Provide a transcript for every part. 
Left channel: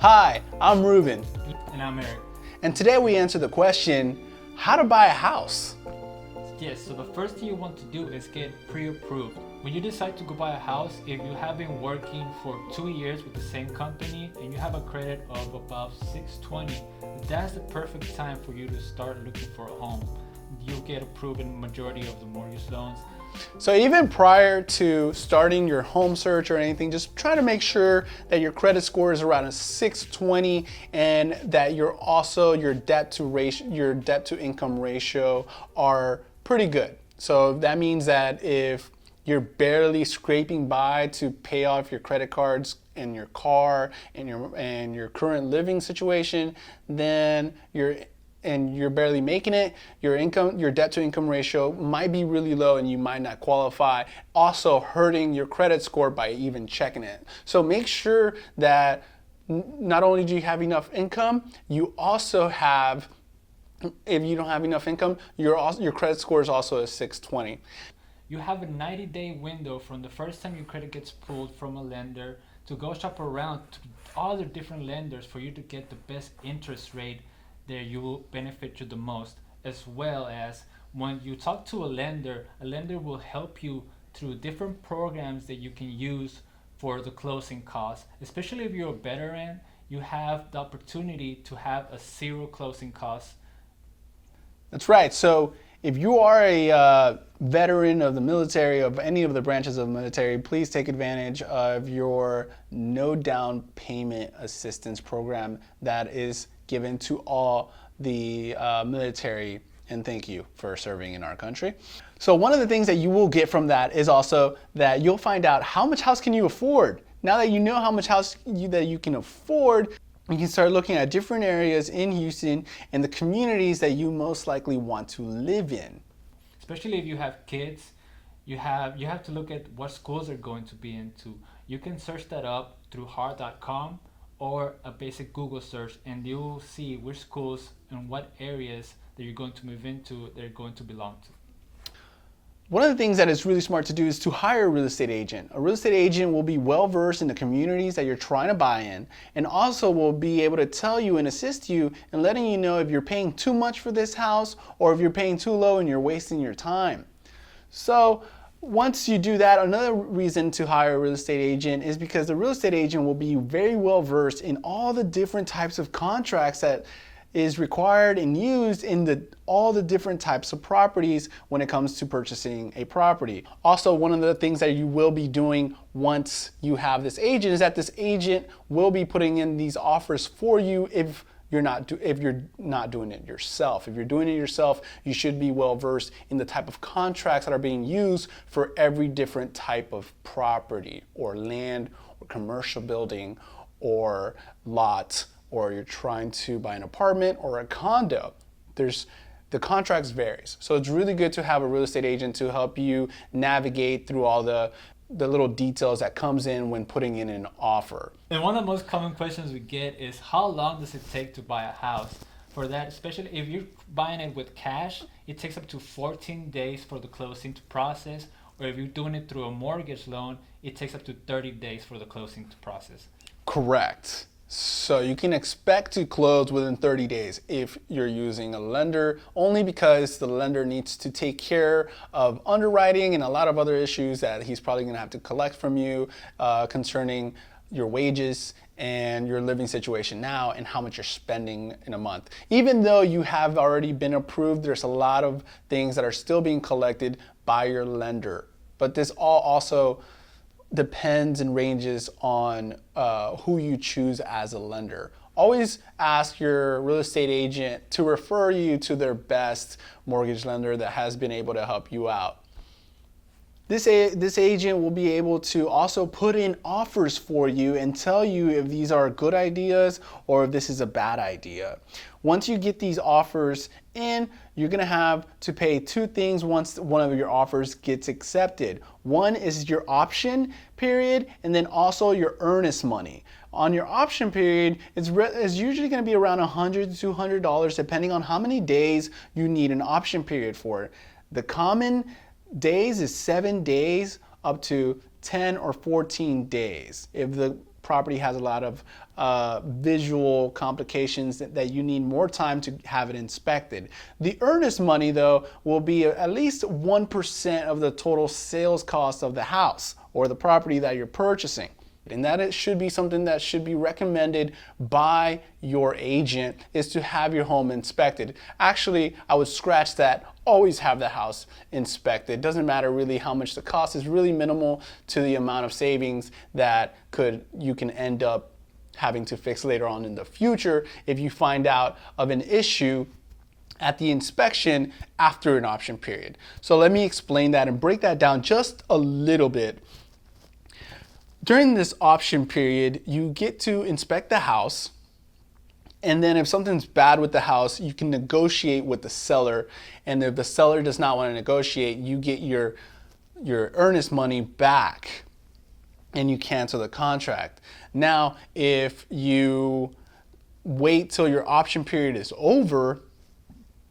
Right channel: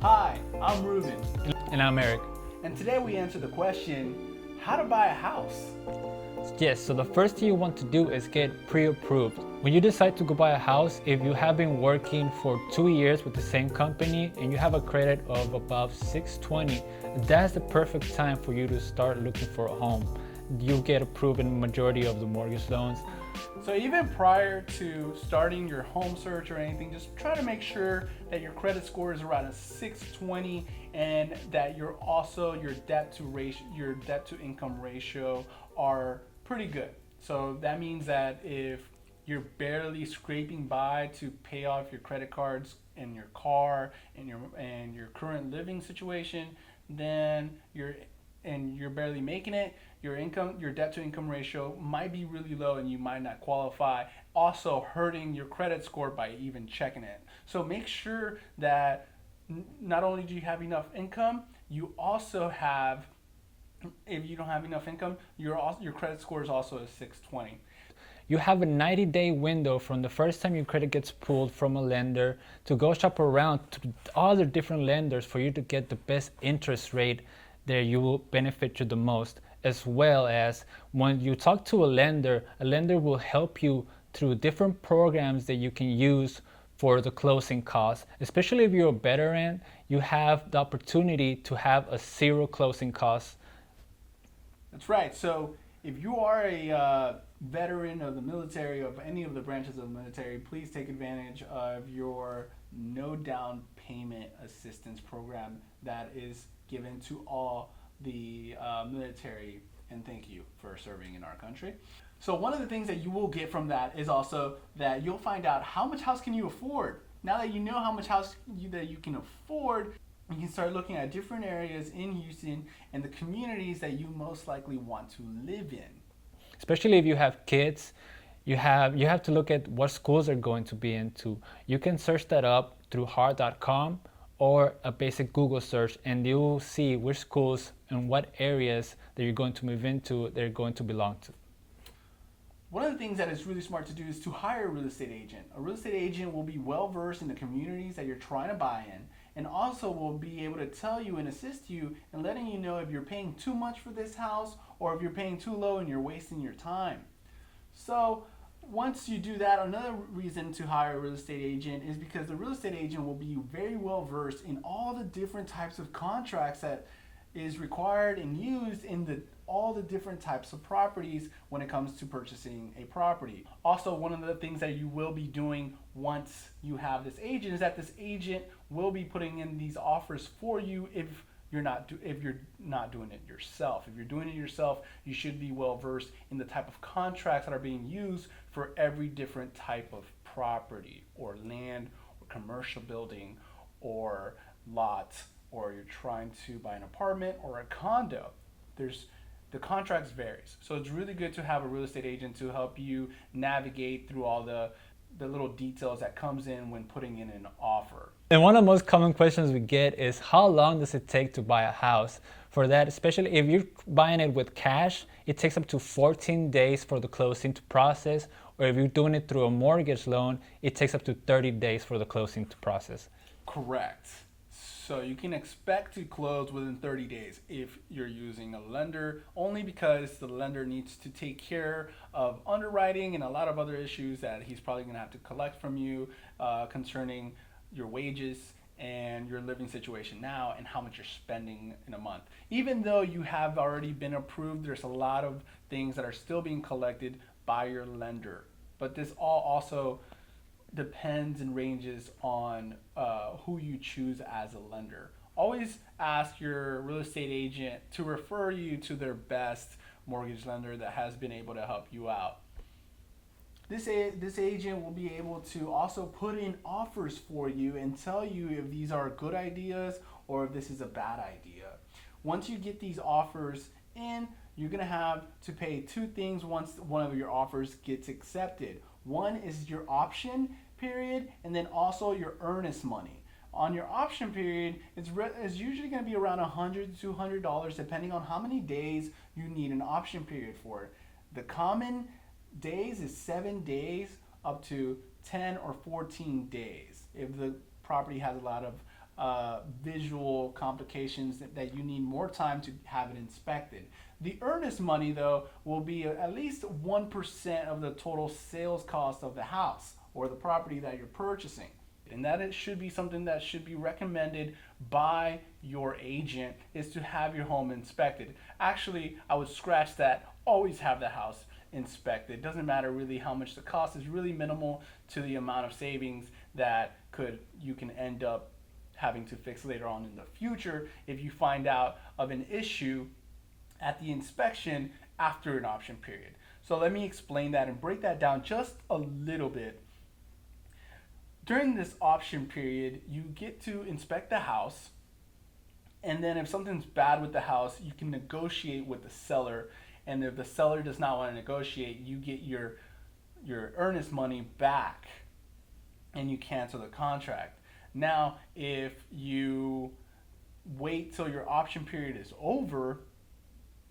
Hi, I'm Ruben, And I'm Eric. and today we answer the question, how to buy a house? Yes, so the first thing you want to do is get pre-approved. When you decide to go buy a house, if you have been working for 2 years with the same company and you have a credit of above 620, that's the perfect time for you to start looking for a home. You get approved in the majority of the mortgage loans. So even prior to starting your home search or anything, just try to make sure that your credit score is around a 620 and that your debt to income ratio are pretty good. So that means that if you're barely scraping by to pay off your credit cards and your car and your current living situation, then you're barely making it, your debt to income ratio might be really low and you might not qualify, also hurting your credit score by even checking it. So make sure that not only do you have enough income, you also have, if you don't have enough income, your credit score is also a 620. You have a 90-day window from the first time your credit gets pulled from a lender to go shop around to all the different lenders for you to get the best interest rate that you will benefit you the most. As well as when you talk to a lender will help you through different programs that you can use for the closing costs. Especially if you're a veteran, you have the opportunity to have a zero closing costs. That's right. So if you are a veteran of the military, of any of the branches of the military, please take advantage of your no down payment assistance program that is given to all the military, and thank you for serving in our country. So one of the things that you will get from that is also that you'll find out how much house can you afford. Now that you know how much house that you can afford, you can start looking at different areas in Houston and the communities that you most likely want to live in. Especially if you have kids, you have to look at what schools are going to be into. You can search that up through hard.com or a basic Google search, and you will see which schools and what areas that you're going to move into, they're going to belong to. One of the things that is really smart to do is to hire a real estate agent. A real estate agent will be well versed in the communities that you're trying to buy in, and also will be able to tell you and assist you in letting you know if you're paying too much for this house or if you're paying too low and you're wasting your time. So once you do that, another reason to hire a real estate agent is because the real estate agent will be very well versed in all the different types of contracts that is required and used in all the different types of properties when it comes to purchasing a property. Also, one of the things that you will be doing once you have this agent is that this agent will be putting in these offers for you if you're not doing it yourself. If you're doing it yourself, you should be well versed in the type of contracts that are being used for every different type of property or land or commercial building or lot, or you're trying to buy an apartment or a condo. The contracts varies. So it's really good to have a real estate agent to help you navigate through all the little details that comes in when putting in an offer. And one of the most common questions we get is, how long does it take to buy a house? For that, especially if you're buying it with cash, it takes up to 14 days for the closing to process. Or if you're doing it through a mortgage loan, it takes up to 30 days for the closing to process. Correct. So you can expect to close within 30 days if you're using a lender, only because the lender needs to take care of underwriting and a lot of other issues that he's probably going to have to collect from you concerning your wages and your living situation now and how much you're spending in a month. Even though you have already been approved, there's a lot of things that are still being collected by your lender. But this all also depends and ranges on who you choose as a lender. Always ask your real estate agent to refer you to their best mortgage lender that has been able to help you out. This agent will be able to also put in offers for you and tell you if these are good ideas or if this is a bad idea. Once you get these offers in, you're going to have to pay two things once one of your offers gets accepted. One is your option period, and then also your earnest money. On your option period, it's usually going to be around $100 to $200 depending on how many days you need an option period for. The common days is 7 days up to 10 or 14 days. If the property has a lot of visual complications that you need more time to have it inspected. The earnest money, though, will be at least 1% of the total sales cost of the house or the property that you're purchasing. And that it should be something that should be recommended by your agent, is to have your home inspected. Actually, I would scratch that. Always have the house inspected. Doesn't matter really how much the cost is, really minimal to the amount of savings that you can end up having to fix later on in the future if you find out of an issue at the inspection after an option period. So let me explain that and break that down just a little bit. During this option period, you get to inspect the house, and then if something's bad with the house, you can negotiate with the seller, and if the seller does not want to negotiate, you get your earnest money back and you cancel the contract. Now, if you wait till your option period is over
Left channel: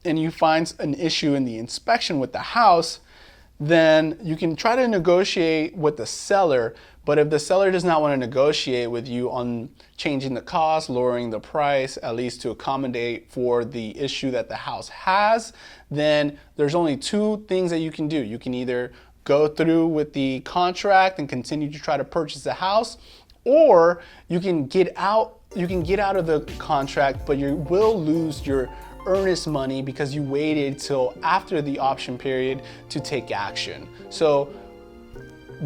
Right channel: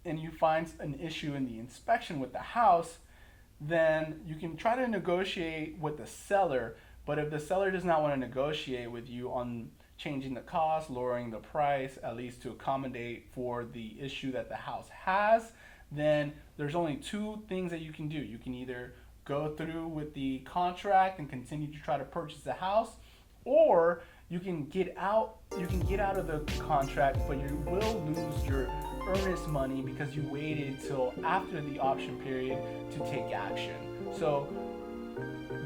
and you find an issue in the inspection with the house, then you can try to negotiate with the seller. But if the seller does not want to negotiate with you on changing the cost, lowering the price, at least to accommodate for the issue that the house has, then there's only two things that you can do. You can either go through with the contract and continue to try to purchase the house, or you can get out of the contract, but you will lose your earnest money because you waited till after the option period to take action. So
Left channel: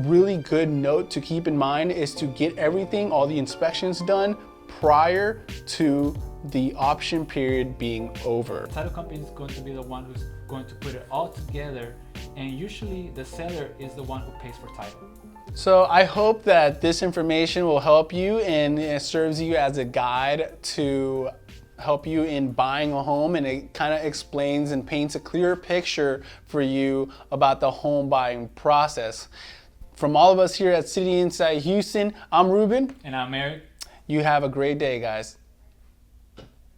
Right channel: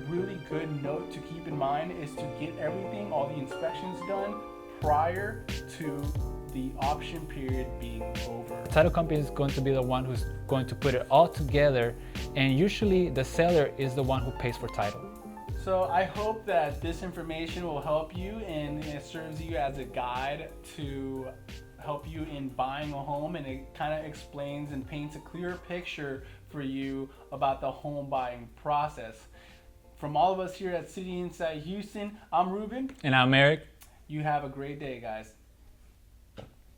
really good note to keep in mind is to get everything, all the inspections done prior to the option period being over. Title company is going to be the one who's going to put it all together, and usually the seller is the one who pays for title. So I hope that this information will help you and it serves you as a guide to help you in buying a home, and it kind of explains and paints a clear picture for you about the home buying process. From all of us here at City Insight Houston, I'm Ruben. And I'm Eric. You have a great day, guys.